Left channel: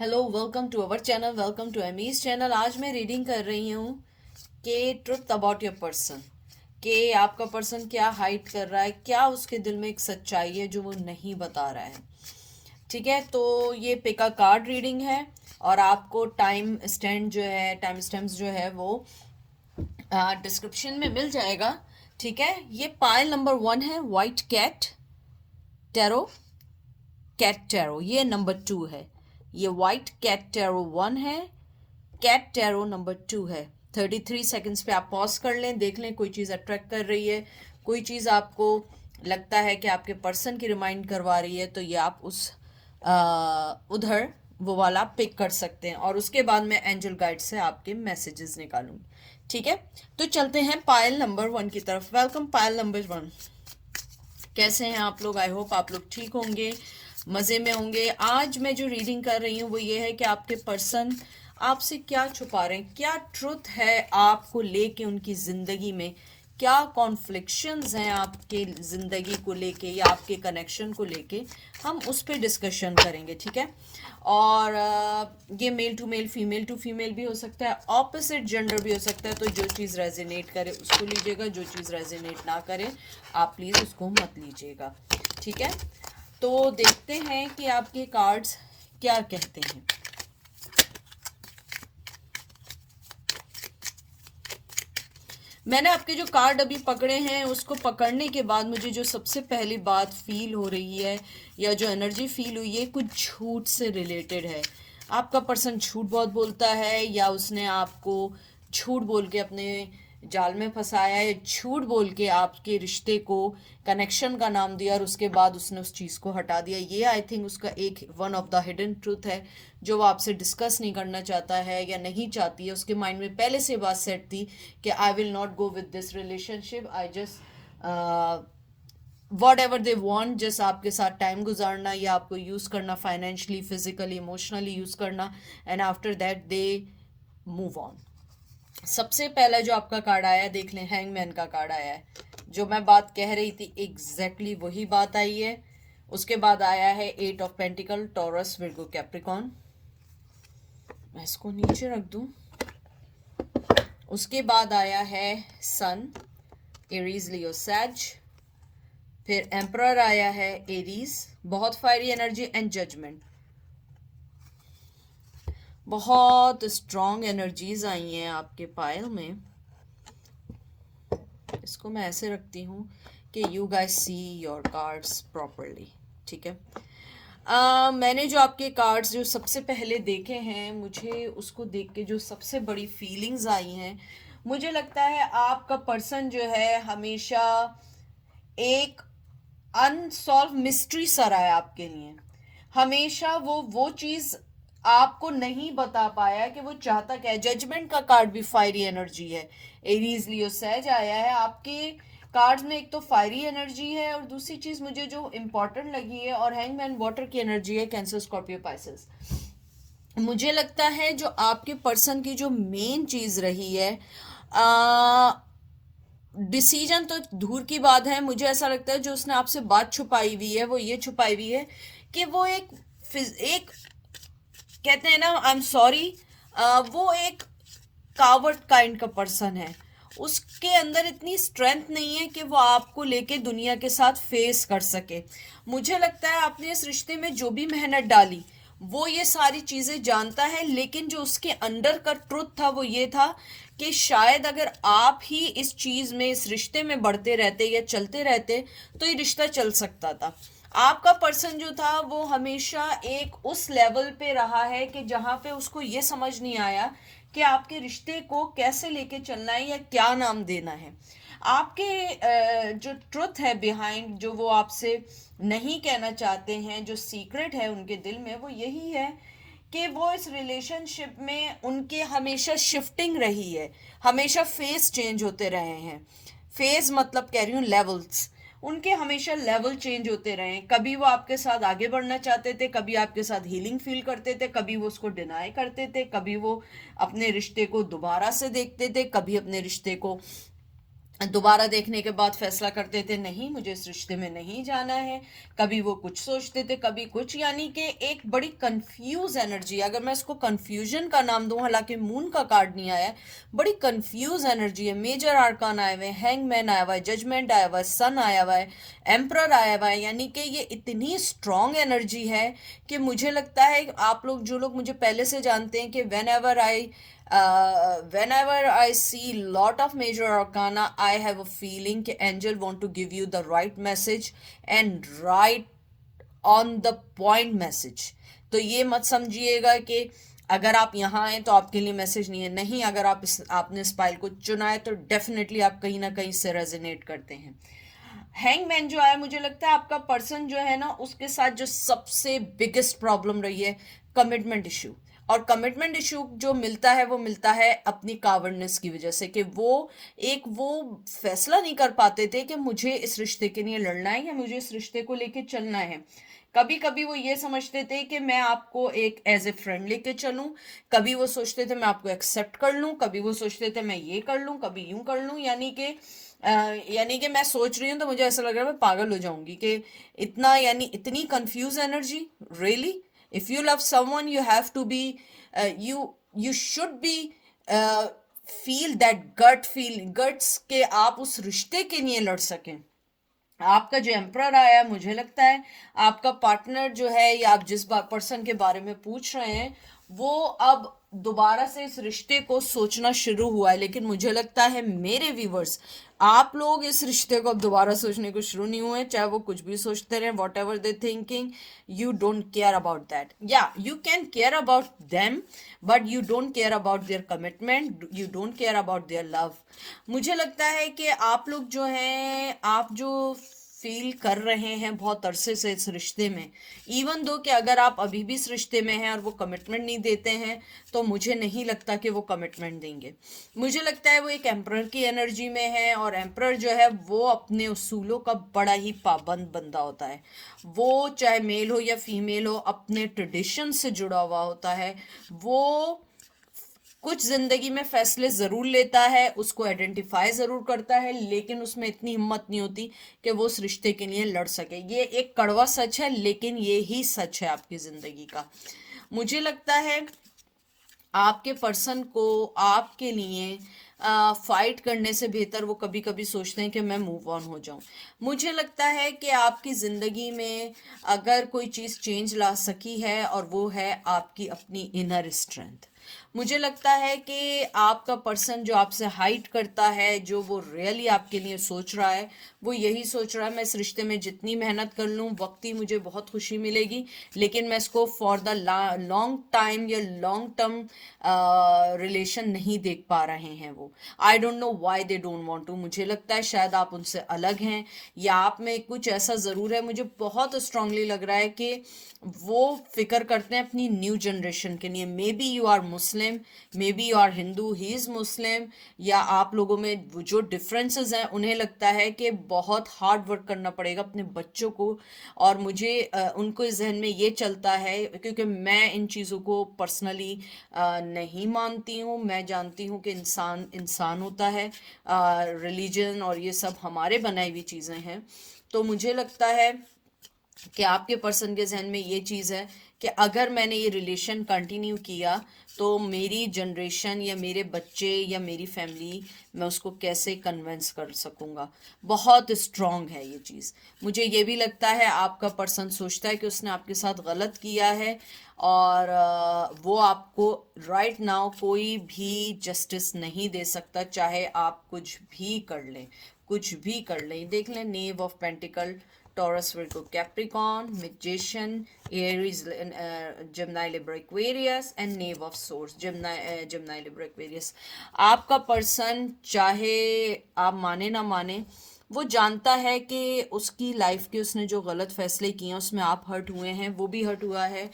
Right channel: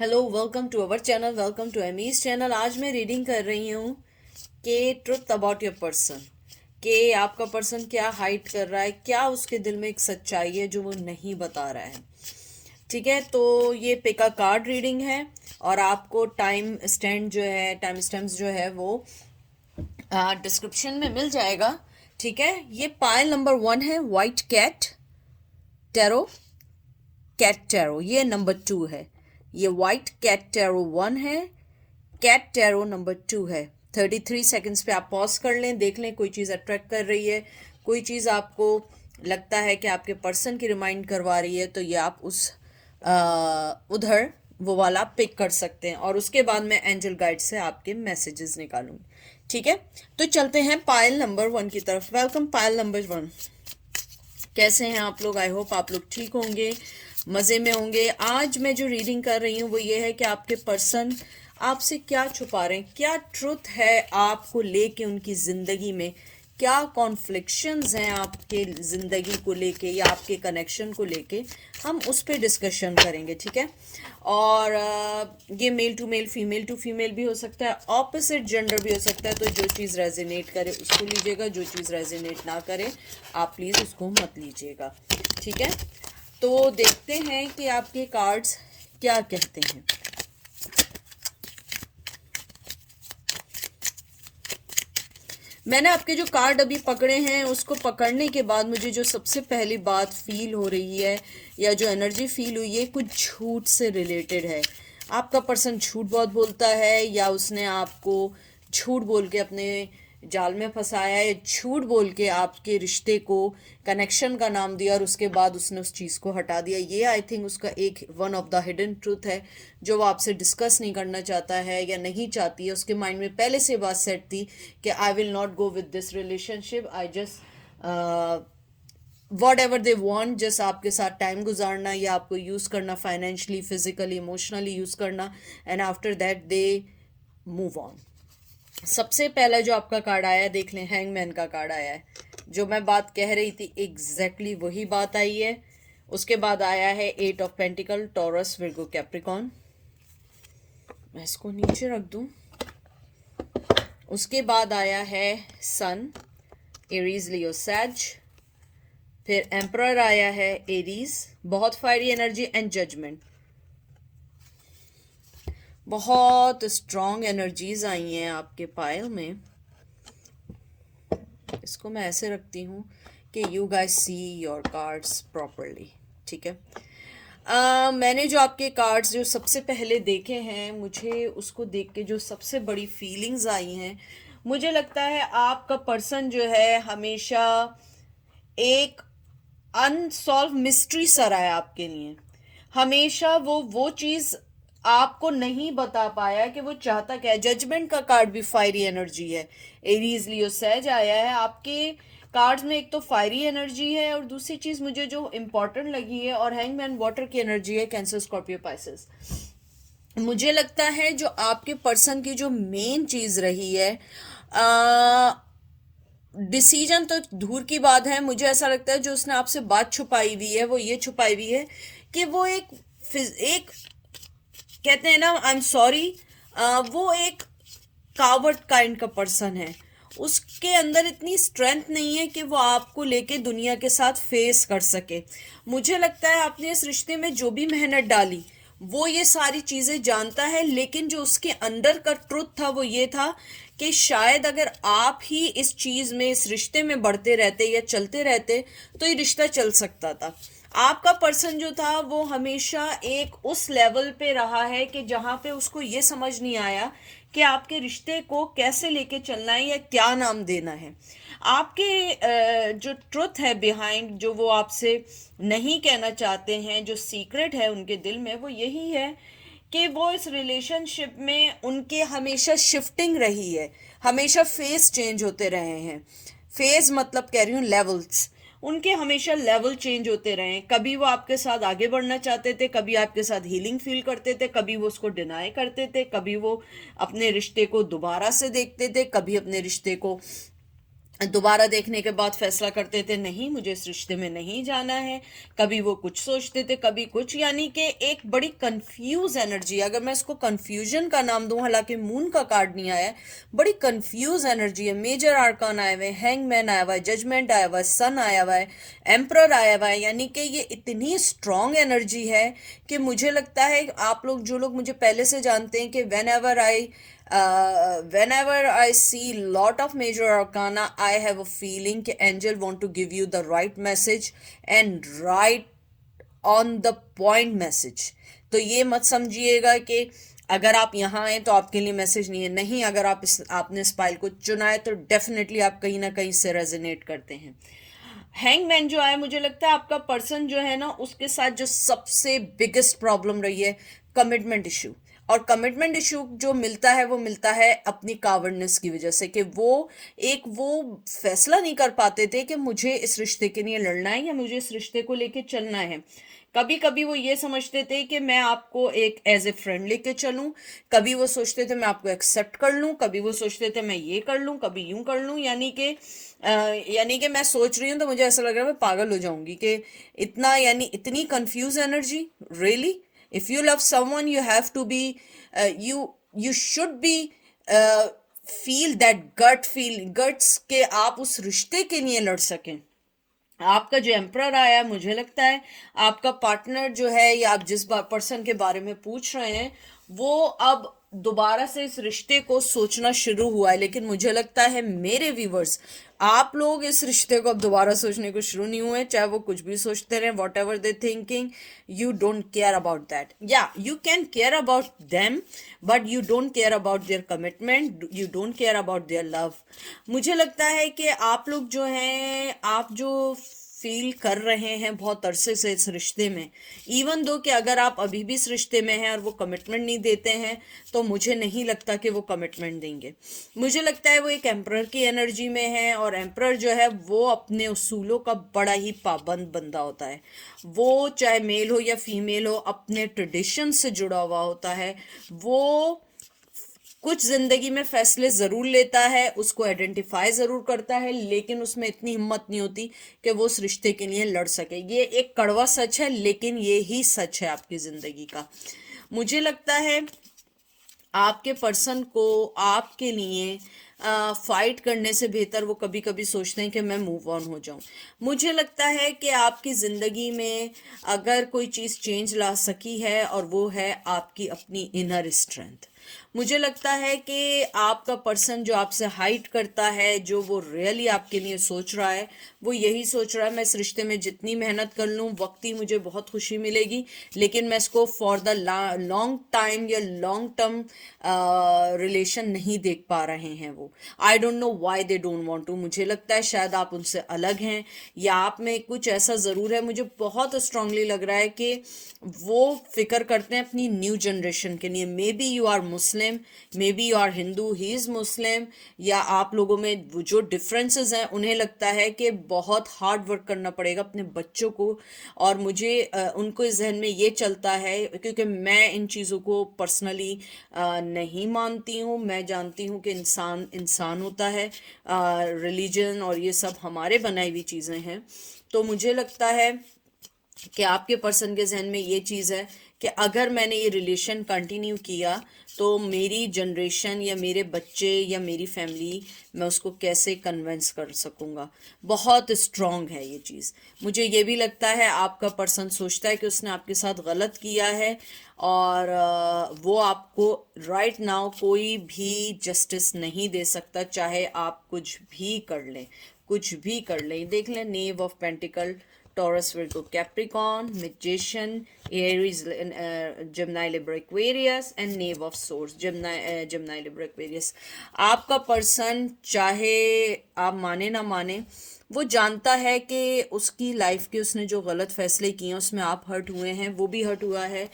Hello, welcome to our channel, welcome to Amy's channel. आज मैं reading कर रही हूँ कि ट्रुथ अबाउट योर पर्सन, कि आपका पर्सन क्या हाइड कर रहा है, क्या उसके दिल में एक सच्चाई है जो वो नहीं बता रहा है। ठीक है, तो ये पिक अ कार्ड रीडिंग है और आपको टाइम स्टैम्प्स जो है वो डिस्क्रिप्शन में मिल जाएगा। ठीक है, ये पाइल नंबर 1 है, वाइट टैरो कैट टैरो। ये नंबर 2 है। ये वाइट कैट टैरो 1 है, कैट टैरो नंबर 2 है। 33 सेकेंड्स पे आप पॉज कर लें, देख लें कोई चीज़ अट्रैक्ट कर रही है, कोई चीज़ आपको लगता है कि आपके पर्सन की रिमाइंड करवा रही है, तो ये आप उधर वो वाला पिक कर सकते हैं और उसके बाद मैं एंजल गाइड से आपके मैसेजेस निकालूंगी। ठीक है, तो चलते हैं पायल नंबर 1 की तरफ। Welcome pile number 1। कैसे हैं आप लोग? आई होप आप लोग ठीक होंगे, मज़े में होंगे। आज मैं जो रीडिंग कर रही हूँ वो ये है कि आपके पर्सन आपसे क्या छुपा रहे हैं, क्या ट्रुथ है आपको लेके उनकी ज़िंदगी में, क्या कॉन्फ्लिक्शंस हैं आपके ज़िंदगी को लेके या आपके कनेक्शन को लेके, हम उस पर डिस्कशन करेंगे। ठीक है, और ये male to male, female to female भी हो सकता है, ऑपोजिट जेंडर भी हो सकता है। तो जो चीज़ रेजोनेट करे उसको लीजिएगा, जो चीज़ रेजोनेट ना करे आप प्लीज़ उसको मत लीजिएगा। ठीक है, तो देखते हैं कि आपके कार्ड्स क्या कहते हैं। मैंने आपके जो कार्ड अभी पकड़े हैं उसको पकड़ने के बाद मुझे जो सबसे पहली बात फील हो रही है या जो एनर्जी फील हुई है, कुछ झूठ से रिलेटेड है। आपका पर्सन झूठ बहुत बोलता है या उसने आपको झूठ बोल के अपने जाल में फंसाया है, झूठ बोल के आपके रिश्ते को कनेक्शन का नाम दिया और उसके बाद उसने उस चीज़ को हटा दिया। ये आई थिंक उसका एक one of the hidden truth है जो वो आपसे डिस्कस नहीं करना चाहता है या नहीं चाहती है। उसके माइंड में पहले से बात सेट थी कि I will not go with this relationship, I just what ever they want, just आपके साथ टाइम गुजारना या आपको यूज़ करना, फाइनेंशली, फिजिकली, इमोशनली यूज़ करना, and after that they move on. सबसे पहला जो आपका कार्ड आया है, देख लें, हैंगमैन का कार्ड आया है। जो मैं बात कह रही थी एग्जैक्टली वही बात आई है। उसके बाद आया है 8 of pentacle, Taurus, Virgo, Capricorn. मैं इसको नीचे रख दूं। उसके बाद आया है सन, एरीज, लियो, सैज। फिर एम्परर आया है, एरीज, बहुत फायरी एनर्जी, एंड जजमेंट। बहुत स्ट्रॉन्ग एनर्जीज आई हैं आपके पायल में। इसको मैं ऐसे रखती हूँ कि you guys see your cards properly. ठीक है, मैंने जो आपके कार्ड्स जो सबसे पहले देखे हैं, मुझे उसको देख के जो सबसे बड़ी फीलिंग्स आई हैं, मुझे लगता है आपका पर्सन जो है हमेशा एक अनसॉल्व मिस्ट्री सा रहा है आपके लिए। हमेशा वो चीज़ आपको नहीं बता पाया कि वो चाहता क्या है। जजमेंट का कार्ड भी फायरी एनर्जी है। एरीज, लियो, सैज आया है आपके कार्ड्स में। एक तो फायरी एनर्जी है और दूसरी चीज़ मुझे जो इम्पोर्टेंट लगी है, और हैंगमैन वाटर की एनर्जी है, कैंसर, स्कॉर्पियो, पाइसेस। मुझे लगता है जो आपके पर्सन की जो मेन चीज़ रही है, डिसीजन तो दूर की बात है, मुझे ऐसा लगता है जो उसने आपसे बात छुपाई हुई है वो ये छुपाई हुई है कि वो एक कहते हैं ना, आई एम सॉरी, वो एक कावर्ड काइंड का पर्सन है। उसके अंदर इतनी स्ट्रेंथ नहीं है कि वो आपको लेके दुनिया के साथ फेस कर सके। मुझे लगता है आपने इस रिश्ते में जो भी मेहनत डाली वो ये सारी चीज़ें जानता है, लेकिन जो उसके अंदर का ट्रुथ था वो ये था कि शायद अगर आप ही इस चीज़ में, इस रिश्ते में बढ़ते रहते या चलते रहते तो ये रिश्ता चल सकता था। आपका पर्सन जो था वो हमेशा एक उस लेवल पे रहा है कि जहाँ पे उसको ये समझ नहीं आया कि आपके रिश्ते को कैसे लेके चलना है या क्या नाम देना है। आपके जो ट्रुथ है बिहाइंड, जो वो आपसे नहीं कहना चाहते हैं, जो सीक्रेट है उनके दिल में, वो यही है कि वो इस रिलेशनशिप में उनके हमेशा शिफ्टिंग रही है, हमेशा फेस चेंज होते रहे हैं। फेज मतलब कह रही हूँ लेवल्स, उनके हमेशा लेवल चेंज होते रहे हैं। कभी वो आपके साथ आगे बढ़ना चाहते थे, कभी आपके साथ हीलिंग फील करते थे, कभी वो उसको डिनाई करते थे, कभी वो अपने रिश्ते को दोबारा से देखते थे, कभी अपने रिश्ते को दोबारा देखने के बाद फैसला करते थे नहीं मुझे इस रिश्ते में नहीं जाना है, कभी वो कुछ सोचते थे कभी कुछ, यानी कि एक बड़ी कंफ्यूज एनर्जी, अगर मैं इसको कंफ्यूजन का नाम दूं, हालांकि मून का कार्ड नहीं आया है, बड़ी कंफ्यूज एनर्जी है। मेजर आर्कान आए हुए हैं, हैंगमैन आया हुआ है, जजमेंट आया हुआ है, सन आया हुआ है, एम्परर आया हुआ है, यानी कि ये इतनी स्ट्रांग एनर्जी है कि मुझे लगता है आप लोग जो लोग मुझे पहले से जानते हैं कि whenever I see lot of major arcana, I have a feeling कि angel want to give you the right message and right on the point message। तो ये मत समझिएगा कि अगर आप यहाँ आए तो आपके लिए मैसेज नहीं है, नहीं, अगर आपने इस पाइल को चुना है तो डेफिनेटली आप कहीं ना कहीं से रेजोनेट करते हैं। हैंगमैन जो है, मुझे लगता है आपका पर्सन जो है ना, उसके साथ जो सबसे बिगेस्ट प्रॉब्लम रही है कमिटमेंट इशू। और कमिटमेंट इशू जो मिलता है वो मिलता है अपनी कावर्डनेस की वजह से, कि वो फैसला नहीं कर पाते थे कि मुझे इस रिश्ते के लिए लड़ना है या मुझे इस रिश्ते को लेके चलना है। कभी कभी वो ये समझते थे कि मैं आपको एक एज ए फ्रेंड लेके चलूं, कभी वो सोचते थे मैं आपको एक्सेप्ट कर लूं, कभी वो सोचते थे मैं ये कर लूं, कभी यूं कर लूं, यानी कि मैं सोच रही हूँ तो मुझे ऐसा लग रहा है मैं पागल हो जाऊंगी कि इतना, यानी इतनी confuse energy. Really, if you love someone you have to be you should be feel that guts के आप उस रिश्ते के लिए लड़ सकें। आपका जो एम्प्रर आया, मुझे लगता है आपका पार्टनर जो है या आप जिस पर्सन के बारे में पूछ रहे हैं वो अब दोबारा से इस रिश्ते को सोचना शुरू हुआ है। लेकिन मुझे लगता है मेरे व्यूवर्स, आप लोग इस रिश्ते को अब दोबारा सोचने को शुरू नहीं हुए, चाहे वो कुछ भी सोचते रहे, whatever they thinking, you don't care about that. या you can care about them but you don't care about their commitment, you don't care about their love. मुझे लगता है कि आप लोग जो हैं, आप जो फील कर रहे हैं बहुत अरसे से इस रिश्ते में, इवन दो कि अगर आप अभी भी इस रिश्ते में हैं और वो कमिटमेंट नहीं देते हैं, तो मुझे नहीं लगता कि वो कमिटमेंट देंगे। मुझे लगता है वो एक एम्प्रर की एनर्जी में है, और एम्प्रर जो है वो अपने उसूलों का बड़ा ही पाबंद बंदा होता है। वो चाहे मेल हो या फीमेल हो, अपने ट्रेडिशन से जुड़ा हुआ होता है। वो कुछ जिंदगी में फैसले जरूर लेता है, उसको आइडेंटिफाई जरूर करता है, लेकिन उसमें इतनी हिम्मत नहीं होती कि वो उस रिश्ते के लिए लड़ सके। ये एक कड़वा सच है, लेकिन ये ही सच है आपकी जिंदगी का। मुझे लगता है आपके पर्सन को आपके लिए फाइट करने से बेहतर वो कभी कभी सोचते हैं कि मैं मूव ऑन हो जाऊं। मुझे लगता है कि आपकी ज़िंदगी में अगर कोई चीज़ चेंज ला सकी है और वो है आपकी अपनी इनर स्ट्रेंथ। मुझे लगता है कि आपका पर्सन जो आपसे हाइट करता है, जो वो रियली आपके लिए सोच रहा है, वो यही सोच रहा है मैं इस रिश्ते में जितनी मेहनत कर लूँ वक्ती मुझे बहुत खुशी मिलेगी, लेकिन मैं इसको फॉर द लॉन्ग टाइम या लॉन्ग टर्म रिलेशन नहीं देख पा रहे हैं। वो I don't know why they don't want to. मुझे लगता है शायद आप उनसे अलग हैं, या आप में कुछ ऐसा ज़रूर है, मुझे बहुत स्ट्रांगली लग रहा है कि वो फिक्र करते हैं अपनी न्यू जनरेशन के लिए। May be you are Muslim, may be you are Hindu, he is Muslim, या आप लोगों में जो डिफरेंसेस हैं उन्हें लगता है कि बहुत हार्ड वर्क करना पड़ेगा अपने बच्चों को। और मुझे उनको इस जहन में ये चलता है, क्योंकि मैं इन चीज़ों को पर्सनली नहीं मानती हूँ। मैं जानती हूँ कि इंसान इंसान होता है, रिलीजन और ये सब हमारे बनाई हुई चीज़ें हैं। तो मुझे लगता है कि आपके पर्सन के जहन में ये चीज़ है कि अगर मैंने ये रिलेशन कंटिन्यू किया तो मेरी जनरेशन या मेरे बच्चे या मेरी फैमिली, मैं उसको कैसे कन्विंस कर सकूंगा। बहुत स्ट्रांग है ये चीज़। मुझे ये भी लगता है आपका पर्सन सोचता है कि उसने आपके साथ गलत किया है, और वो आपको राइट नाउ कोई भी जस्टिस नहीं दे सकता, चाहे आप कुछ भी कर लें, कुछ भी कर लें। देख लें, knave of pentacle, Taurus, Virgo, Capricorn, Magician, Aries, Gemini, Libra, Aquarius, and Knave of Swords, Gemini, Libra, Aquarius। आपका पर्सन चाहे आप माने ना माने, वो जानता है कि उसकी लाइफ के उसने जो गलत फैसले किए हैं उसमें आप हर्ट हुए हैं, वो भी हर्ट हुआ है,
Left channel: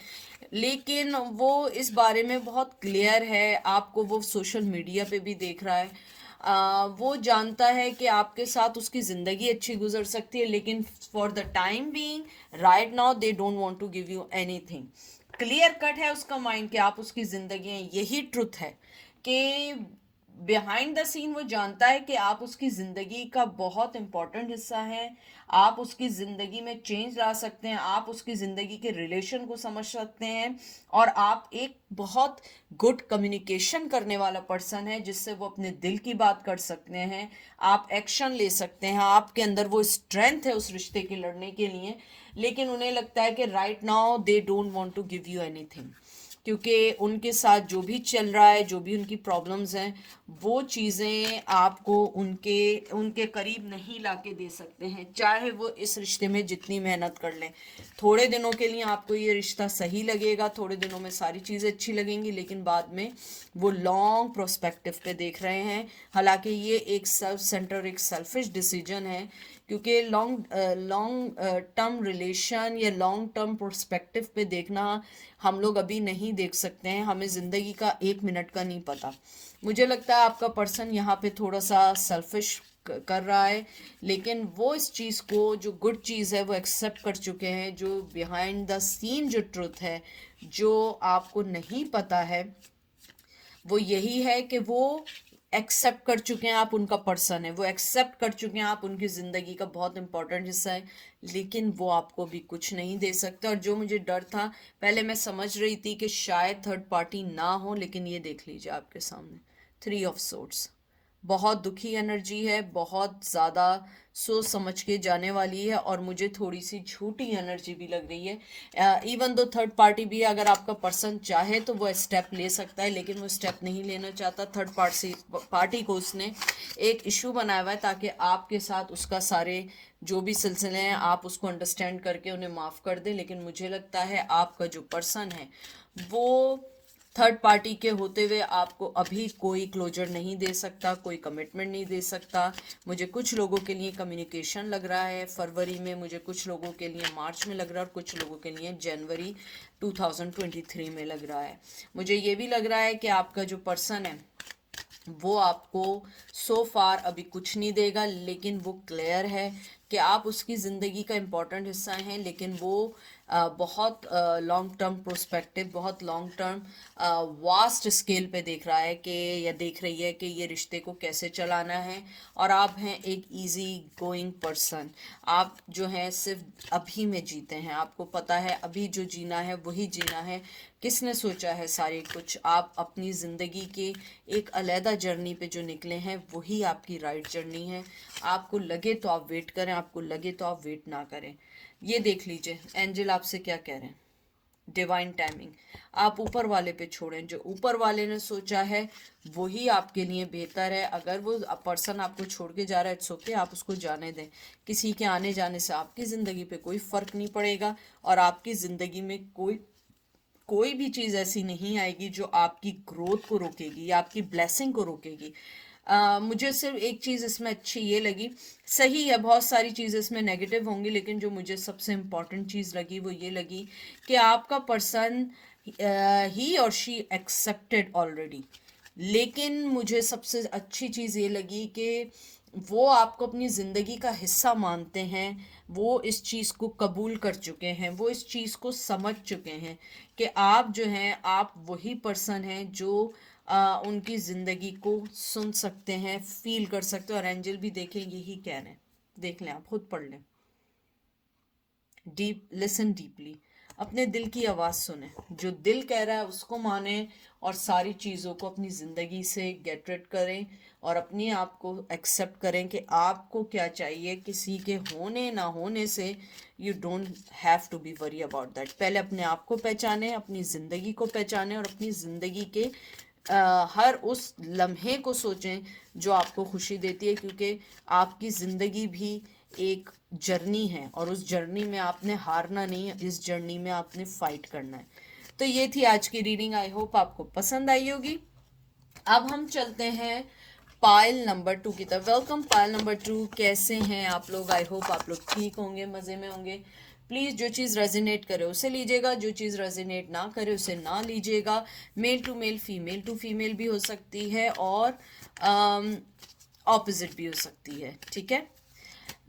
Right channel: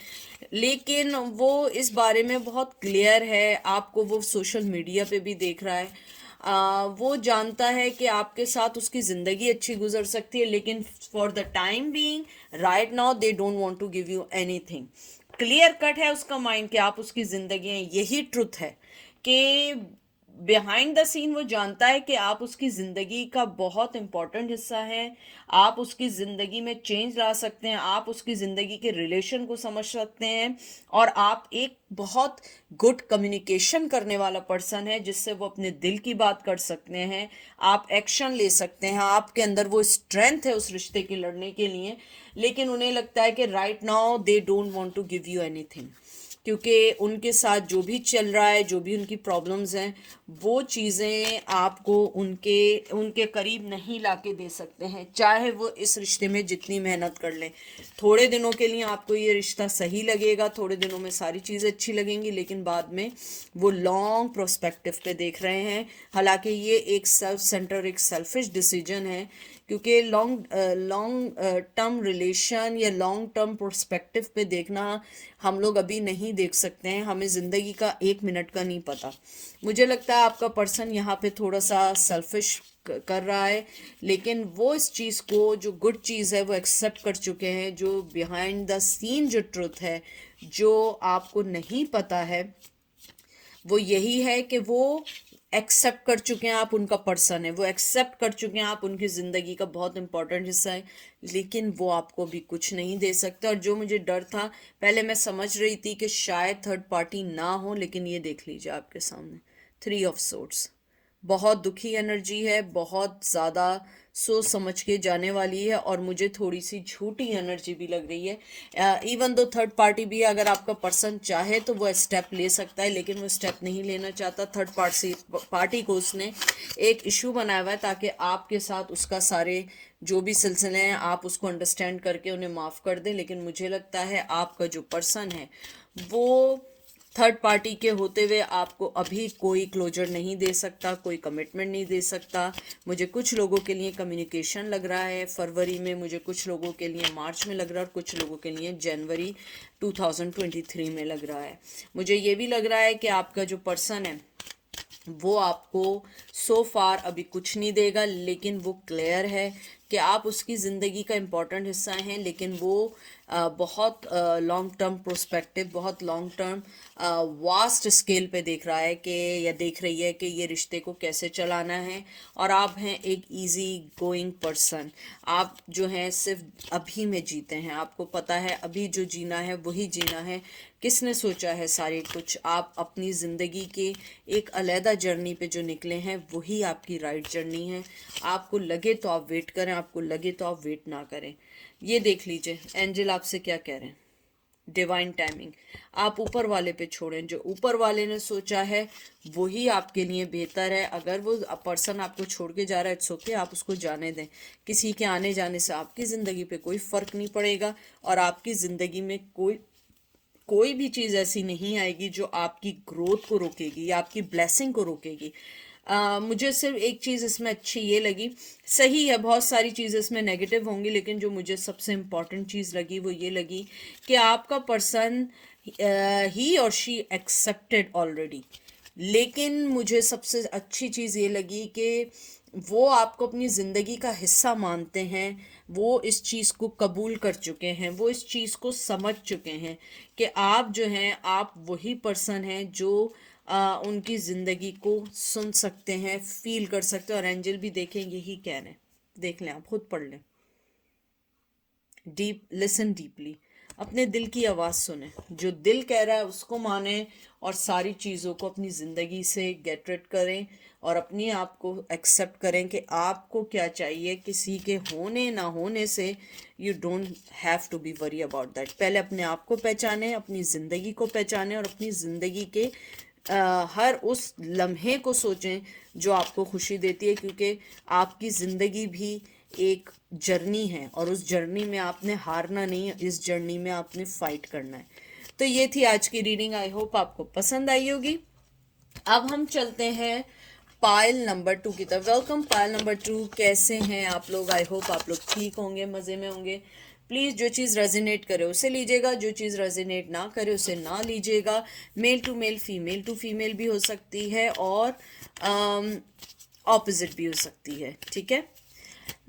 लेकिन वो इस बारे में बहुत क्लियर है। आपको वो सोशल मीडिया पे भी देख रहा है। वो जानता है कि आपके साथ उसकी ज़िंदगी अच्छी गुजर सकती है, लेकिन for the time being right now they don't want to give you anything. Clear cut है उसका माइंड कि आप उसकी ज़िंदगी हैं। यही ट्रुथ है कि बिहाइंड द सीन वो जानता है कि आप उसकी ज़िंदगी का बहुत इंपॉर्टेंट हिस्सा हैं, आप उसकी ज़िंदगी में चेंज ला सकते हैं, आप उसकी ज़िंदगी के रिलेशन को समझ सकते हैं, और आप एक बहुत गुड कम्युनिकेशन करने वाला पर्सन है जिससे वो अपने दिल की बात कर सकते हैं, आप एक्शन ले सकते हैं, आपके अंदर वो स्ट्रेंथ है उस रिश्ते की लड़ने के लिए। लेकिन उन्हें लगता है कि right now they don't want to give you anything, क्योंकि उनके साथ जो भी चल रहा है, जो भी उनकी प्रॉब्लम्स हैं, वो चीज़ें आपको उनके उनके करीब नहीं लाके दे सकते हैं, चाहे वो इस रिश्ते में जितनी मेहनत कर लें। थोड़े दिनों के लिए आपको ये रिश्ता सही लगेगा, थोड़े दिनों में सारी चीज़ें अच्छी लगेंगी, लेकिन बाद में वो लॉन्ग प्रोस्पेक्टिव पे देख रहे हैं। हालांकि ये एक सेल्फ सेंटर, एक सेल्फिश डिसीजन है, क्योंकि लॉन्ग टर्म रिलेशन या लॉन्ग टर्म प्रोस्पेक्टिव पे देखना हम लोग अभी नहीं देख सकते हैं, हमें ज़िंदगी का 1 मिनट का नहीं पता। मुझे लगता है आपका पर्सन यहाँ पे थोड़ा सा सेल्फिश कर रहा है, लेकिन वो इस चीज़ को, जो गुड चीज़ है, वो एक्सेप्ट कर चुके हैं। जो बिहाइंड द सीन जो ट्रुथ है, जो आपको नहीं पता है, वो यही है कि वो एक्सेप्ट कर चुके हैं आप उनका पर्सन है, वो एक्सेप्ट कर चुके हैं आप उनकी ज़िंदगी का बहुत इंपॉर्टेंट हिस्सा है, लेकिन वो आपको भी कुछ नहीं दे सकते। और जो मुझे डर था, पहले मैं समझ रही थी कि शायद थर्ड पार्टी ना हो, लेकिन ये देख लीजिए आपके सामने 3 ऑफ सोर्ड्स। बहुत दुखी एनर्जी है, बहुत ज़्यादा सोच समझ के जाने वाली है, और मुझे थोड़ी सी झूठी एनर्जी भी लग रही है। इवन दो थर्ड पार्टी भी, अगर आपका पर्सन चाहे तो वो स्टेप ले सकता है, लेकिन वो स्टेप नहीं लेना चाहता। थर्ड पार्टी को उसने एक इशू बनाया हुआ है, ताकि आपके साथ उसका सारे जो भी सिलसिले हैं आप उसको अंडरस्टैंड करके उन्हें माफ़ कर दें। लेकिन मुझे लगता है आपका जो पर्सन है वो थर्ड पार्टी के होते हुए आपको अभी कोई क्लोजर नहीं दे सकता, कोई कमिटमेंट नहीं दे सकता। मुझे कुछ लोगों के लिए कम्युनिकेशन लग रहा है फरवरी में, मुझे कुछ लोगों के लिए मार्च में लग रहा है, और कुछ लोगों के लिए जनवरी 2023 में लग रहा है। मुझे ये भी लग रहा है कि आपका जो पर्सन है वो आपको सो फार अभी कुछ नहीं देगा, लेकिन वो क्लियर है कि आप उसकी ज़िंदगी का इम्पॉर्टेंट हिस्सा हैं, लेकिन वो बहुत लॉन्ग टर्म प्रोस्पेक्टिव, बहुत लॉन्ग टर्म वास्ट स्केल पे देख रहा है कि, या देख रही है कि ये रिश्ते को कैसे चलाना है। और आप हैं एक इजी गोइंग पर्सन, आप जो हैं सिर्फ अभी में जीते हैं, आपको पता है अभी जो जीना है वही जीना है। किसने सोचा है सारे कुछ, आप अपनी ज़िंदगी के एक अलहदा जर्नी पे जो निकले हैं वही आपकी राइट जर्नी है। आपको लगे तो आप वेट करें, आपको लगे तो आप वेट ना करें। ये देख लीजिए एंजल आपसे क्या कह रहे हैं, डिवाइन टाइमिंग। आप ऊपर वाले पे छोड़ें, जो ऊपर वाले ने सोचा है वही आपके लिए बेहतर है। अगर वो पर्सन आपको छोड़ के जा रहा है, इट्स ओके, आप उसको जाने दें। किसी के आने जाने से आपकी ज़िंदगी पे कोई फ़र्क नहीं पड़ेगा, और आपकी ज़िंदगी में कोई भी चीज़ ऐसी नहीं आएगी जो आपकी ग्रोथ को रोकेगी या आपकी ब्लेसिंग को रोकेगी। मुझे सिर्फ एक चीज़ इसमें अच्छी ये लगी, सही है बहुत सारी चीज़ें इसमें नेगेटिव होंगी, लेकिन जो मुझे सबसे इम्पॉर्टेंट चीज़ लगी वो ये लगी कि आपका पर्सन ही और शी एक्सेप्टेड ऑलरेडी। लेकिन मुझे सबसे अच्छी चीज़ ये लगी कि वो आपको अपनी ज़िंदगी का हिस्सा मानते हैं, वो इस चीज़ को कबूल कर चुके हैं, वो इस चीज़ को समझ चुके हैं कि आप जो हैं, आप वही पर्सन हैं जो उनकी ज़िंदगी को सुन सकते हैं, फील कर सकते हैं। और एंजल भी देखें यही कह रहे हैं, देख लें, आप खुद पढ़ लें। डीप लिसन डीपली, अपने दिल की आवाज़ सुने, जो दिल कह रहा है उसको माने, और सारी चीज़ों को अपनी ज़िंदगी से गेट रिड करें, और अपने आप को एक्सेप्ट करें कि आपको क्या चाहिए। किसी के होने ना होने से you don't have to be worry about that. पहले अपने आप को पहचानें, अपनी ज़िंदगी को पहचानें, और अपनी ज़िंदगी के हर उस लम्हे को सोचें जो आपको खुशी देती है, क्योंकि आपकी ज़िंदगी भी एक जर्नी है, और उस जर्नी में आपने हारना नहीं है, इस जर्नी में आपने फाइट करना है। तो ये थी आज की रीडिंग, आई होप आपको पसंद आई होगी। अब हम चलते हैं पायल नंबर 2 की तरफ। वेलकम पायल नंबर 2, कैसे हैं आप लोग? आई होप आप लोग ठीक होंगे, मज़े में होंगे। प्लीज़ जो चीज़ रेजिनेट करे उसे लीजिएगा, जो चीज़ रेजिनेट ना करे उसे ना लीजिएगा। Male to male, female to female भी हो सकती है, और ऑपोजिट भी हो सकती है, ठीक है।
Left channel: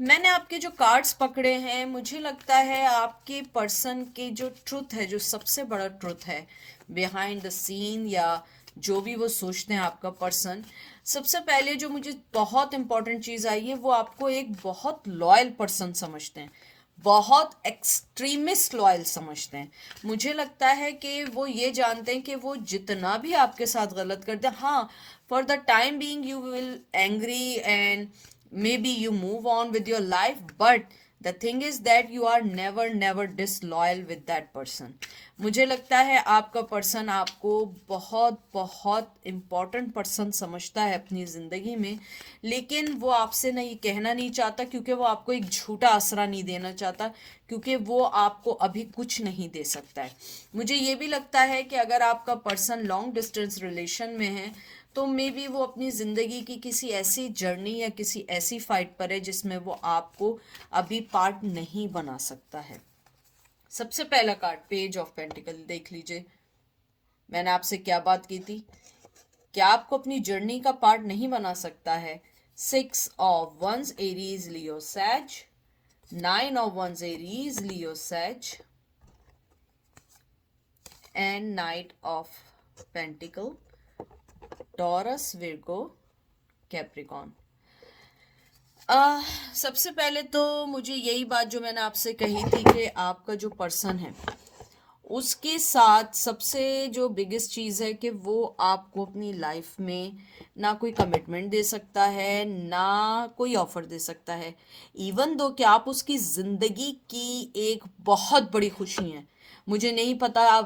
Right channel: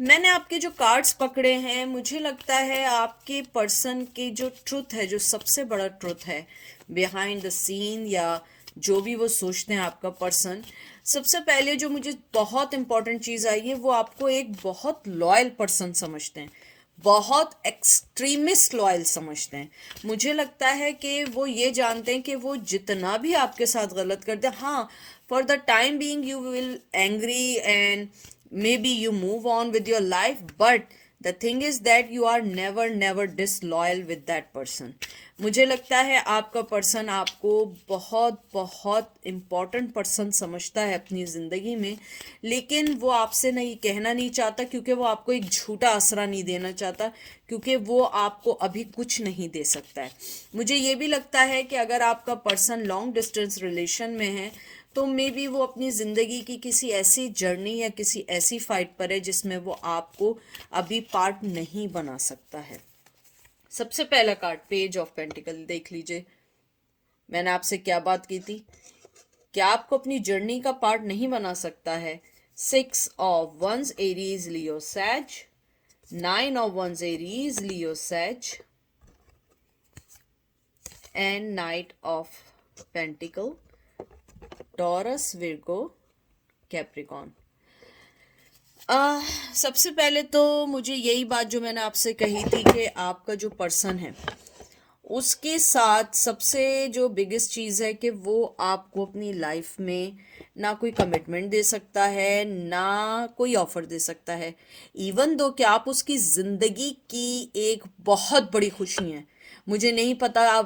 मैंने आपके जो कार्ड्स पकड़े हैं, मुझे लगता है आपके पर्सन की जो ट्रुथ है, जो सबसे बड़ा ट्रुथ है बिहाइंड द सीन, या जो भी वो सोचते हैं आपका पर्सन, सबसे पहले जो मुझे बहुत इंपॉर्टेंट चीज़ आई है, वो आपको एक बहुत लॉयल पर्सन समझते हैं, बहुत एक्सट्रीमिस्ट लॉयल समझते हैं। मुझे लगता है कि वो ये जानते हैं कि वो जितना भी आपके साथ गलत करते हैं, हाँ, for the time being you will angry and may B you move on with your life, but the thing is that you are never never disloyal with that person. मुझे लगता है आपका पर्सन आपको बहुत बहुत इम्पॉर्टेंट पर्सन समझता है अपनी ज़िंदगी में, लेकिन वो आपसे नहीं कहना नहीं चाहता, क्योंकि वो आपको एक झूठा आसरा नहीं देना चाहता, क्योंकि वो आपको अभी कुछ नहीं दे सकता है। मुझे ये भी लगता है कि अगर आपका पर्सन लॉन्ग डिस्टेंस रिलेशन में है, तो मे बी वो अपनी ज़िंदगी की किसी ऐसी जर्नी या किसी ऐसी फाइट पर है जिसमें वो आपको अभी पार्ट नहीं बना सकता है। सबसे पहला कार्ड पेज ऑफ पेंटिकल देख लीजिए। मैंने आपसे क्या बात की थी, क्या आपको अपनी जर्नी का पार्ट नहीं बना सकता है। 6 of Wands एरीज लियो सैज, 9 of Wands Aries Leo Sag, and knight of pentacle Taurus Virgo Capricorn. सबसे पहले तो मुझे यही बात जो मैंने आपसे कही थी कि आपका जो पर्सन है उसके साथ सबसे जो बिगेस्ट चीज़ है कि वो आपको अपनी लाइफ में ना कोई कमिटमेंट दे सकता है, ना कोई ऑफर दे सकता है। इवन दो कि आप उसकी ज़िंदगी की एक बहुत बड़ी खुशी हैं। मुझे नहीं पता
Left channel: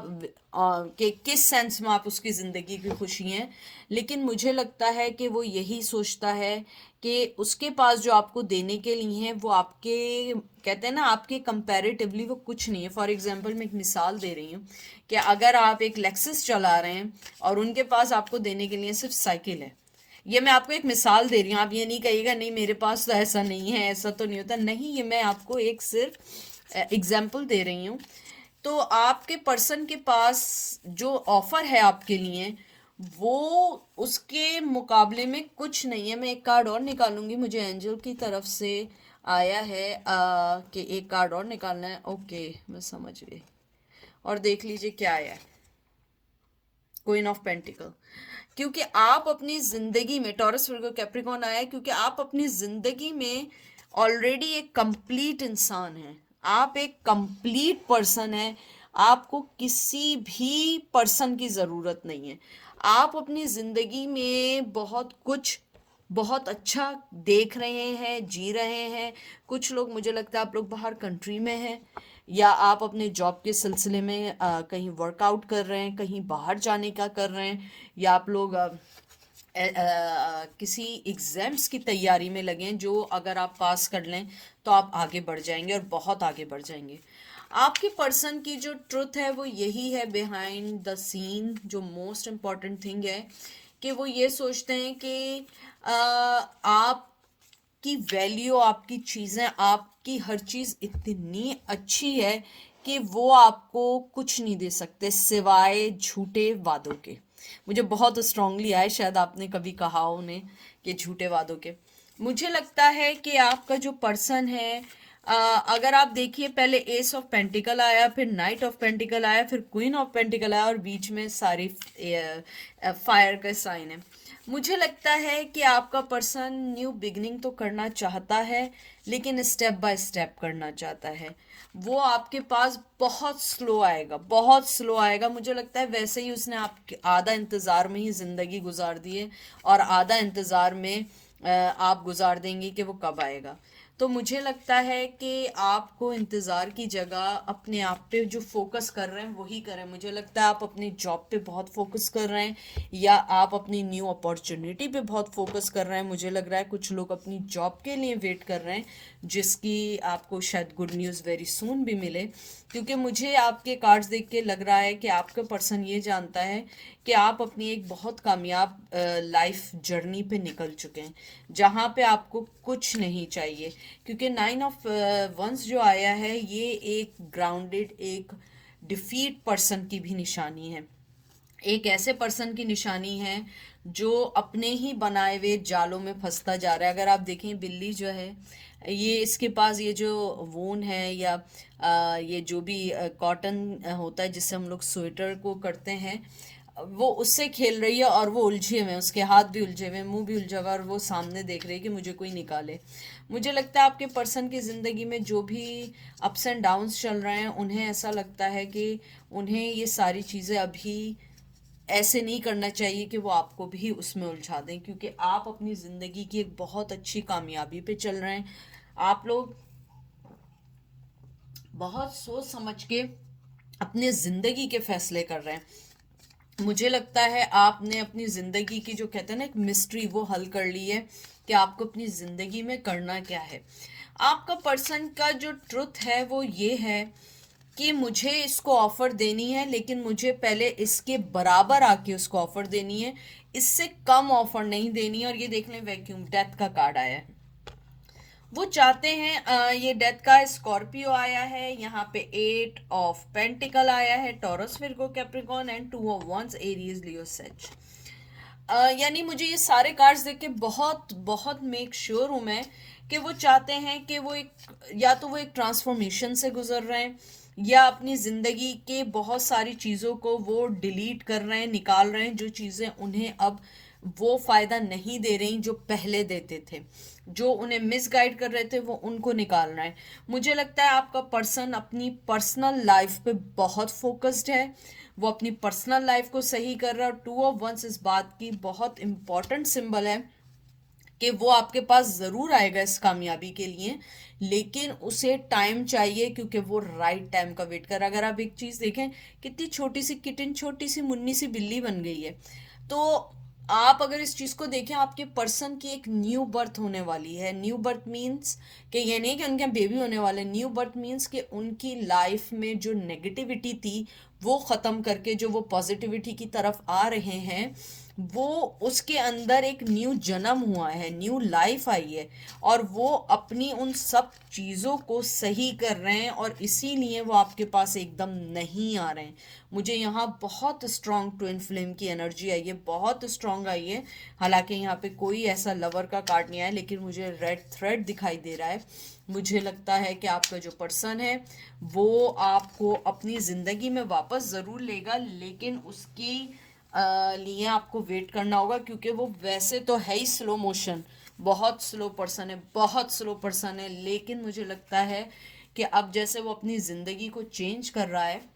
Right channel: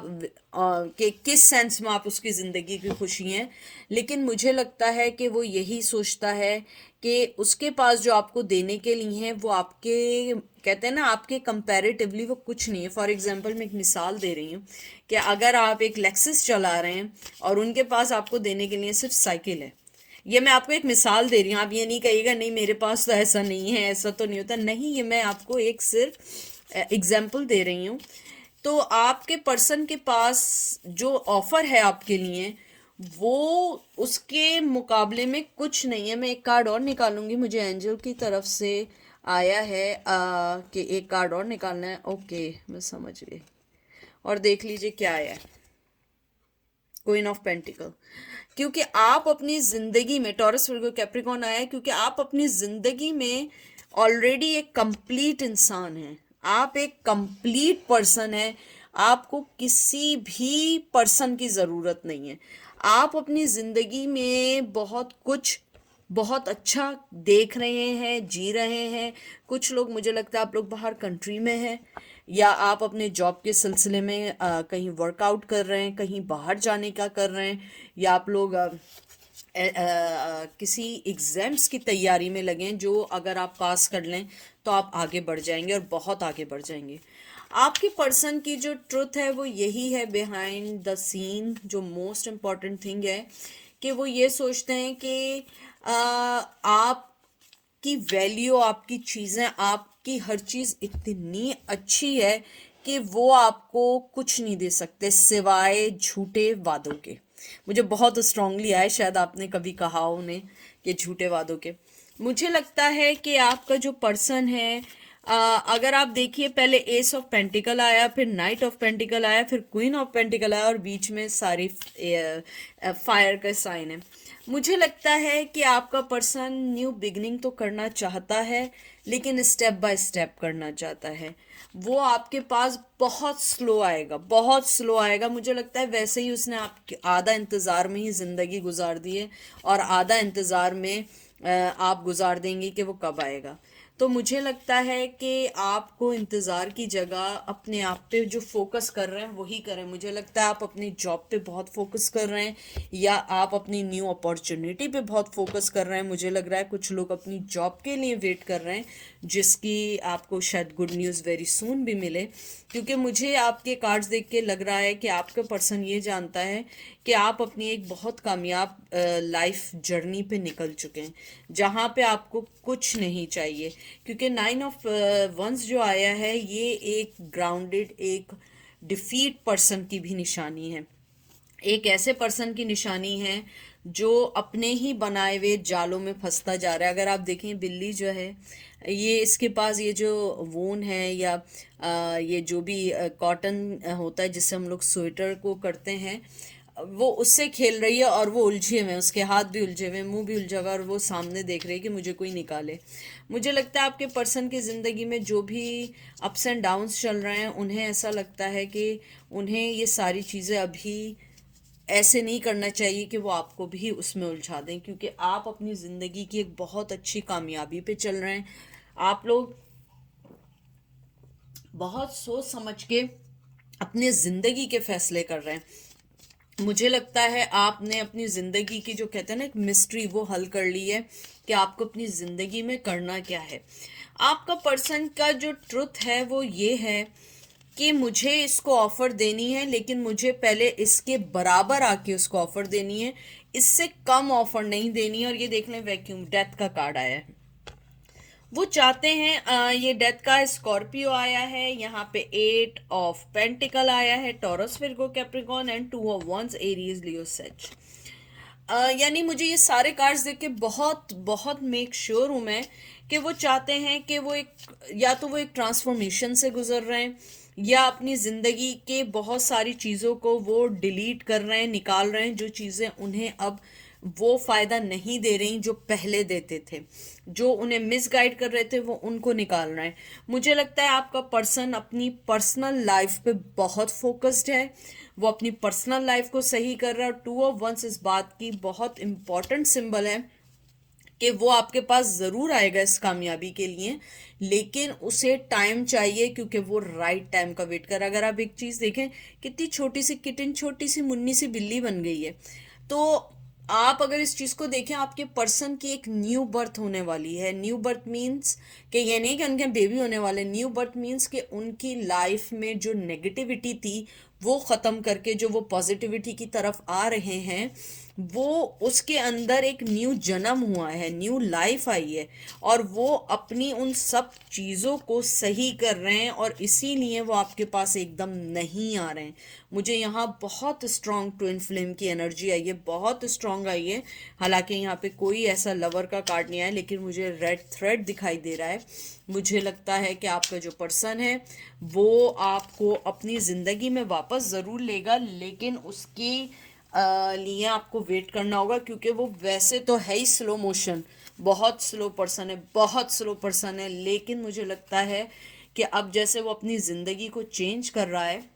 कि किस सेंस में आप उसकी ज़िंदगी की खुशी हैं, लेकिन मुझे लगता है कि वो यही सोचता है कि उसके पास जो आपको देने के लिए है वो आपके, कहते हैं ना, आपके कंपैरेटिवली वो कुछ नहीं है। फॉर एग्जांपल मैं एक मिसाल दे रही हूँ कि अगर आप एक लेक्सस चला रहे हैं और उनके पास आपको देने के लिए सिर्फ साइकिल है, ये मैं आपको एक मिसाल दे रही हूँ, आप ये नहीं कहिएगा नहीं मेरे पास तो ऐसा नहीं है, ऐसा तो नहीं होता, नहीं, ये मैं आपको एक सिर्फ एग्जाम्पल दे रही हूँ। तो आपके पर्सन के पास जो ऑफर है आपके लिए वो उसके मुकाबले में कुछ नहीं है। मैं एक कार्ड और निकालूंगी, मुझे एंजल की तरफ से आया है कि एक कार्ड और निकालना है। ओके, मैं समझ गई। और देख लीजिए क्या आया है, क्वीन ऑफ पेंटिकल। क्योंकि आप अपनी जिंदगी में, टॉरस वर्गो कैप्रिकॉर्न आया है क्योंकि आप अपनी जिंदगी में ऑलरेडी एक कंप्लीट इंसान हैं, आप एक कंप्लीट पर्सन हैं, आपको किसी भी पर्सन की ज़रूरत नहीं है। आप अपनी ज़िंदगी में बहुत कुछ बहुत अच्छा देख रहे हैं, जी रहे हैं। कुछ लोग, मुझे लगता है आप लोग बाहर कंट्री में हैं, या आप अपने जॉब के सिलसिले में कहीं वर्कआउट कर रहे हैं, कहीं बाहर जाने का कर रहे हैं, या आप लोग किसी एग्जाम्स की तैयारी में लगे हैं जो अगर आप पास कर लें तो आप आगे बढ़ जाएंगे और बहुत आगे बढ़ जाएंगे। आपके पर्सन की जो ट्रुथ है वो यही है बिहाइंड द सीन। जो मोस्ट इम्पॉर्टेंट थिंग है कि वो ये सोचते हैं कि आपकी वैल्यू, आपकी चीज़ें, आपकी हर चीज़ इतनी अच्छी है कि वो आपको कुछ नहीं दे सकते सिवाय झूठे वादों के। मुझे बहुत स्ट्रांगली आया, शायद आपने कभी कहा हो उन्हें कि झूठे वादों के। मुझे लगता है कि आपका जो पर्सन है, अगर आप देखिए, पहले एस ऑफ पेंटिकल आया, फिर नाइट ऑफ पेंटिकल आया, फिर क्वीन ऑफ पेंटिकल आया, और बीच में सारी फायर का साइन है। मुझे लगता है कि आपका पर्सन न्यू बिगनिंग तो करना चाहता है, लेकिन स्टेप बाय स्टेप करना चाहता है। वो आपके पास बहुत स्लो आएगा, बहुत स्लो आएगा। मुझे लगता है वैसे ही उसने आप आधा इंतज़ार में ही ज़िंदगी गुजार दी है, और आधा इंतज़ार में आप गुजार देंगे कि वो कब आएगा। तो मुझे लगता है कि आपको इंतज़ार की जगह अपने आप पे जो फोकस कर रहे हैं वही करें। मुझे लगता है आप अपनी जॉब पे बहुत फोकस कर रहे हैं, या आप अपनी न्यू अपॉर्चुनिटी पे बहुत फोकस कर रहे हैं। मुझे लग रहा है कुछ लोग अपनी जॉब के लिए वेट कर रहे हैं, जिसकी आपको शायद गुड न्यूज़ वेरी सून भी मिले, क्योंकि मुझे आपके कार्ड्स देख के लग रहा है कि आपका पर्सन ये जानता है कि आप अपनी एक बहुत कामयाब लाइफ जर्नी पे निकल चुके हैं, जहाँ पे आपको कुछ नहीं चाहिए। क्योंकि 9 of Wands जो आया है ये एक ग्राउंडेड, एक डिफीट पर्सन की भी निशानी है, एक ऐसे पर्सन की निशानी है जो अपने ही बनाए हुए जालों में फंसता जा रहा है। अगर आप देखें, बिल्ली जो है, ये इसके पास ये जो वून है, या ये जो भी कॉटन होता है जिससे हम लोग स्वेटर को करते हैं, वो उससे खेल रही है और वो उलझे हुए हैं, उसके हाथ भी उलझे हुए हैं, मुंह भी उलझा हुआ है, और वो सामने देख रही है कि मुझे कोई निकाले। मुझे लगता है आपके पर्सन की ज़िंदगी में जो भी अप्स एंड डाउन्स चल रहे हैं, उन्हें ऐसा लगता है कि उन्हें ये सारी चीज़ें अभी ऐसे नहीं करना चाहिए कि वो आपको भी उसमें उलझा दें, क्योंकि आप अपनी ज़िंदगी की एक बहुत अच्छी कामयाबी पे चल रहे हैं। आप लोग बहुत सोच समझ के अपने ज़िंदगी के फैसले कर रहे हैं। मुझे लगता है आपने अपनी ज़िंदगी की, जो कहते हैं ना, एक मिस्ट्री, वो हल कर ली है कि आपको अपनी ज़िंदगी में करना क्या है। आपका पर्सन का जो ट्रुथ है वो ये है कि मुझे इसको ऑफर देनी है, लेकिन मुझे पहले इसके बराबर आके उसको ऑफर देनी है, इससे कम ऑफर नहीं देनी है। और ये देख लें, वैक्यूम डेथ का कार्ड आया है। वो चाहते हैं, ये डेथ का स्कॉर्पियो आया है, यहाँ पे 8 ऑफ पेंटिकल आया है, Taurus, Virgo, Capricorn and 2 of wands, Aries, Leo, sage. यानी मुझे ये सारे कार्ड्स देख के बहुत बहुत मेक श्योर हूं मैं कि वो चाहते हैं कि वो एक, या तो वो एक ट्रांसफॉर्मेशन से गुजर रहे हैं, या अपनी ज़िंदगी के बहुत सारी चीज़ों को वो डिलीट कर रहे हैं, निकाल रहे हैं, जो चीज़ें उन्हें अब वो फ़ायदा नहीं दे रही जो पहले देते थे, जो उन्हें मिसगाइड कर रहे थे, वो उनको निकाल रहे हैं। मुझे लगता है आपका पर्सन अपनी पर्सनल लाइफ पे बहुत फोकस्ड है, वो अपनी पर्सनल लाइफ को सही कर रहा है। और 2 ऑफ वंस इस बात की बहुत इंपॉर्टेंट सिंबल है कि वो आपके पास ज़रूर आएगा इस कामयाबी के लिए, लेकिन उसे टाइम चाहिए, क्योंकि वो राइट टाइम का वेट कर रहा है। अगर आप एक चीज़ देखें, कितनी छोटी सी किटन, छोटी सी मुन्नी सी बिल्ली बन गई है। तो आप अगर इस चीज़ को देखें, आपके पर्सन की एक न्यू बर्थ होने वाली है। न्यू बर्थ मीन्स कि ये नहीं कि उनके बेबी होने वाले, न्यू बर्थ मीन्स कि उनकी लाइफ में जो नेगेटिविटी थी वो ख़त्म करके जो वो पॉजिटिविटी की तरफ आ रहे हैं, वो उसके अंदर एक न्यू जन्म हुआ है, न्यू लाइफ आई है, और वो अपनी उन सब चीज़ों को सही कर रहे हैं, और इसीलिए वो आपके पास एकदम नहीं आ रहे हैं। मुझे यहाँ बहुत स्ट्रॉन्ग ट्विन फ्लेम की एनर्जी आई है, बहुत स्ट्रॉन्ग आई है। हालांकि यहाँ पे कोई ऐसा लवर का कार्ड नहीं आया, लेकिन मुझे रेड थ्रेड दिखाई दे रहा है। मुझे लगता है कि आपका जो पर्सन है वो आपको अपनी ज़िंदगी में वापस ज़रूर लेगा, लेकिन उसकी लिए आपको वेट करना होगा, क्योंकि वो वैसे तो है ही स्लो मोशन, बहुत स्लो पर्सन है, बहुत स्लो पर्सन है। लेकिन मुझे लगता है कि अब जैसे वो अपनी ज़िंदगी को चेंज कर रहा है,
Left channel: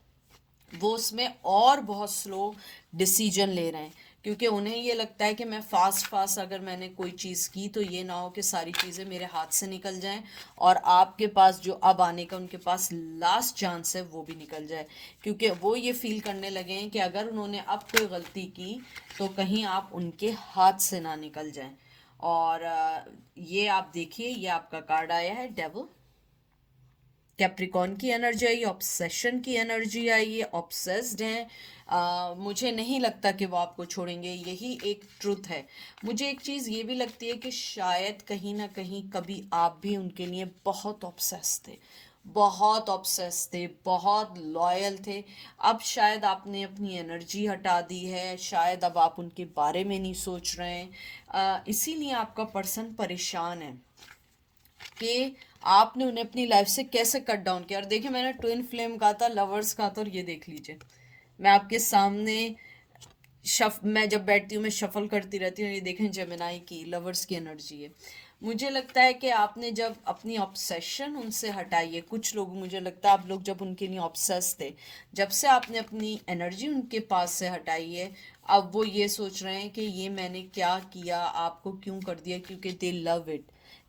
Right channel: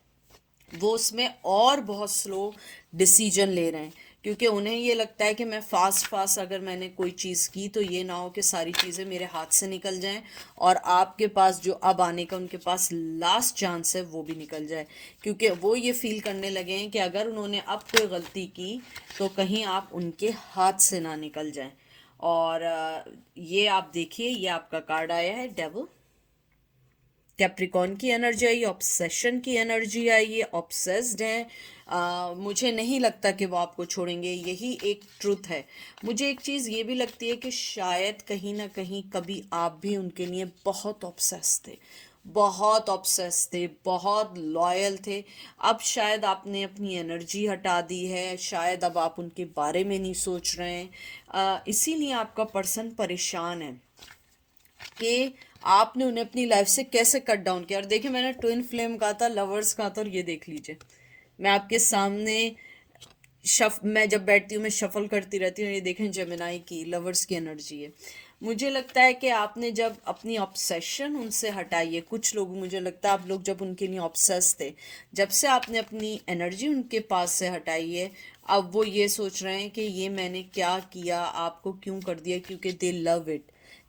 वो उसमें और बहुत स्लो डिसीजन ले रहे हैं, क्योंकि उन्हें ये लगता है कि मैं फास्ट फास्ट अगर मैंने कोई चीज़ की तो ये ना हो कि सारी चीज़ें मेरे हाथ से निकल जाएं, और आपके पास जो अब आने का उनके पास लास्ट चांस है वो भी निकल जाए, क्योंकि वो ये फील करने लगे हैं कि अगर उन्होंने अब कोई गलती की तो कहीं आप उनके हाथ से ना निकल जाएं। और ये आप देखिए, ये आपका कार्ड आया है, डेविल। कैप्रिकॉन की एनर्जी आई, ऑब्सेशन की एनर्जी आई है, ऑब्सेस्ड हैं। मुझे नहीं लगता कि वो आपको छोड़ेंगे, यही एक ट्रुथ है। मुझे एक चीज़ ये भी लगती है कि शायद कहीं ना कहीं कभी आप भी उनके लिए बहुत ऑब्सेस थे, बहुत ऑब्सेस थे, बहुत लॉयल थे। अब शायद आपने अपनी एनर्जी हटा दी है, शायद अब आप उनके बारे में नहीं सोच रहे हैं, इसीलिए आपका पर्सन परेशान है कि आपने उन्हें अपनी लाइफ से कैसे कट डाउन किया। और देखिए, मैंने ट्विन फ्लेम कहा था, लवर्स कहा था, और ये देख लीजिए, मैं आपके सामने मैं जब बैठती हूँ मैं शफल करती रहती हूँ। ये देखें, जेमिनाई की लवर्स की एनर्जी है। मुझे लगता है कि आपने जब अपनी ऑब्सेशन उनसे हटाई है, कुछ लोग, मुझे लगता है आप लोग जब उनके लिए ऑब्सेस थे, जब से आपने अपनी एनर्जी उनके पास से हटाई है, अब वो ये सोच रहे हैं कि ये मैंने क्या किया, आपको क्यों कर दिया, क्योंकि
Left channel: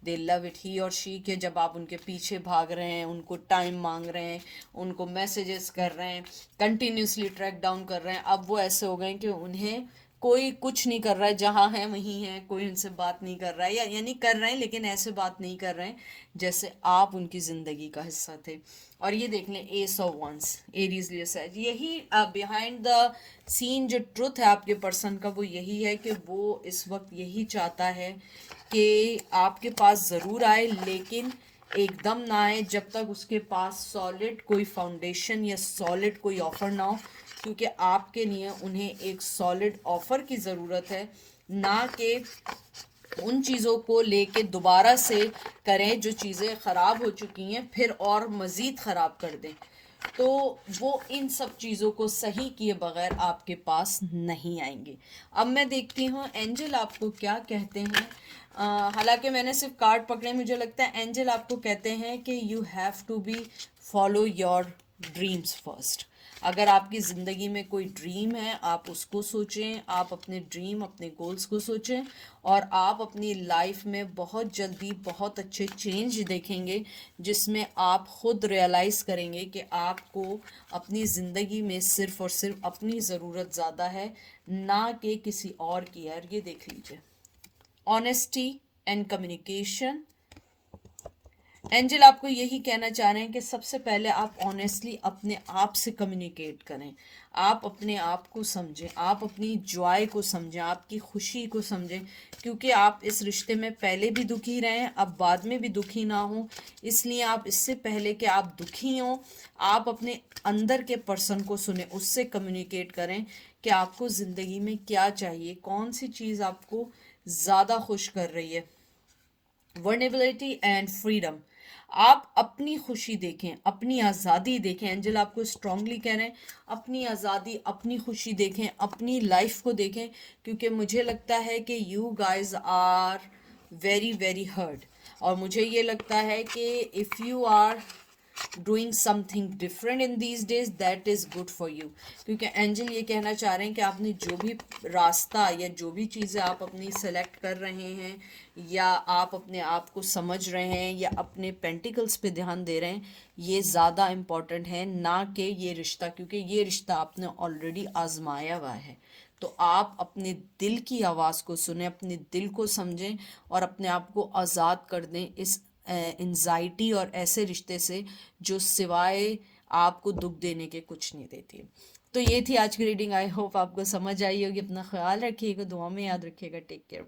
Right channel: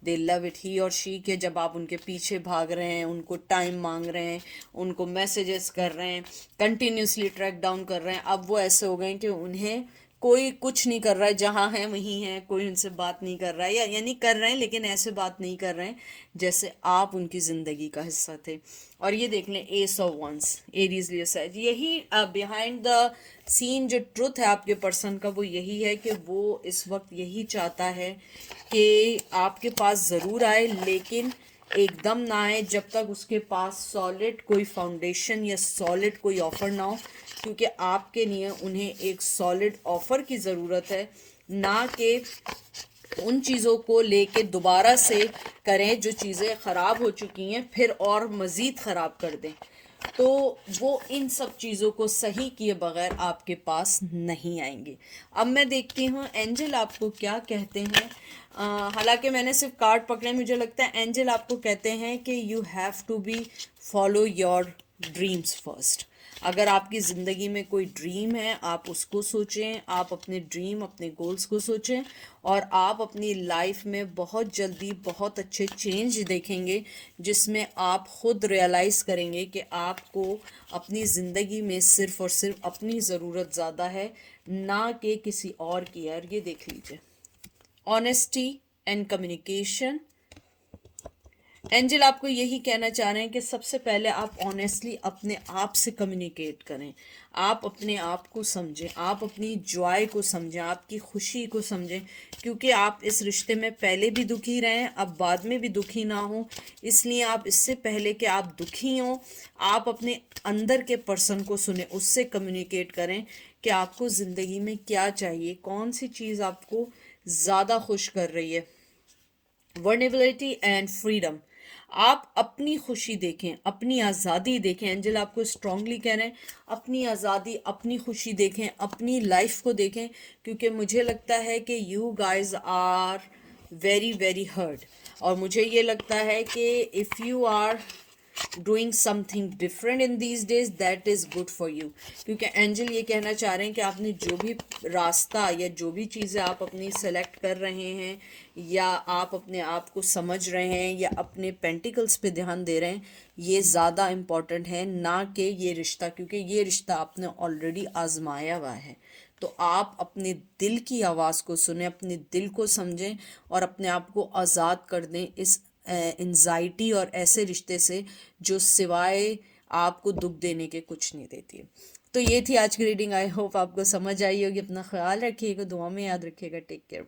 दे लव इट ही और शी के जब आप उनके पीछे भाग रहे हैं, उनको टाइम मांग रहे हैं, उनको मैसेजेस कर रहे हैं, कंटिन्यूसली ट्रैक डाउन कर रहे हैं, अब वो ऐसे हो गए हैं कि उन्हें कोई कुछ नहीं कर रहा है, जहाँ है वहीं है, कोई उनसे बात नहीं कर रहा है, या यानी कर रहे हैं लेकिन ऐसे बात नहीं कर रहे हैं जैसे आप उनकी ज़िंदगी का हिस्सा थे। और ये देख लें, ace of wands, Aries Leo sage, यही बिहाइंड द सीन जो ट्रुथ है आपके पर्सन का, वो यही है कि वो इस वक्त यही चाहता है कि आपके पास ज़रूर आए, लेकिन एकदम ना आए जब तक उसके पास सॉलिड कोई फाउंडेशन या सॉलिड कोई ऑफर ना हो, क्योंकि आपके लिए उन्हें एक सॉलिड ऑफर की ज़रूरत है, ना कि उन चीज़ों को लेके दोबारा से करें जो चीज़ें ख़राब हो चुकी हैं फिर और मज़ीद ख़राब कर दें। तो वो इन सब चीज़ों को सही किए बगैर आपके पास नहीं आएंगे। अब मैं देखती हूँ एंजल आपको क्या कहते हैं। हालांकि मैंने सिर्फ कार्ड पकड़े, मुझे लगता है एंजल आपको कहते हैं कि you have to be follow your dreams first. अगर आपकी ज़िंदगी में कोई ड्रीम है, आप उसको सोचें, आप अपने ड्रीम, अपने गोल्स को सोचें, और आप अपनी लाइफ में बहुत जल्दी बहुत अच्छे चेंज देखेंगे, जिसमें आप खुद रियलाइज़ करेंगे कि आपको अपनी ज़िंदगी में सिर्फ़ और सिर्फ अपनी ज़रूरत ज़्यादा है, ना कि किसी और की। यार ये देख लीजिए, ऑनेस्टी एंड कम्युनिकेशन। एंजल आपको यही कहना चाह रहे हैं कि सबसे पहले आप ऑनेस्टली अपने आप से कम्युनिकेट करें, आप अपने आप को समझें, आप अपनी जॉय को समझें, आपकी खुशी को समझें, क्योंकि आप इस रिश्ते में पहले भी दुखी रहे हैं, अब बाद में भी दुखी ना हो। इसलिए आप इससे पहले कि आप दुखी हों, आप अपने अंदर के पर्सन को सुने, उससे कम्युनिकेट करें कि आपको ज़िंदगी में क्या चाहिए, कौन सी चीज़ आपको ज़्यादा खुश कर रही है। Vulnerability and freedom. आप अपनी खुशी देखें, अपनी आज़ादी देखें। एंजल आपको स्ट्रांगली कह रहे हैं अपनी आज़ादी, अपनी खुशी देखें, अपनी लाइफ को देखें, क्योंकि मुझे लगता है कि you guys are very very hurt. और मुझे ये लगता है कि if you are doing something different in these days, that is good for you. क्योंकि एंजल ये कहना चाह रहे हैं कि आपने जो भी रास्ता या जो भी चीज़ें आप अपनी सेलेक्ट कर रहे हैं, या आप अपने आप को समझ रहे हैं, या अपने पेंटिकल्स पे ध्यान दे रहे हैं, ये ज़्यादा इम्पॉर्टेंट है ना कि ये रिश्ता, क्योंकि ये रिश्ता आपने ऑलरेडी आजमाया हुआ है। तो आप अपने दिल की आवाज़ को सुने, अपने दिल को समझें, और अपने आप को आज़ाद कर दें इस एंजाइटी और ऐसे रिश्ते से जो सिवाय आपको दुख देने के कुछ नहीं देती। तो ये थी आज की रीडिंग। आई होप आपको समझ आई होगी। अपना ख्याल रखिएगा, दुआ में याद रखिएगा। Take care.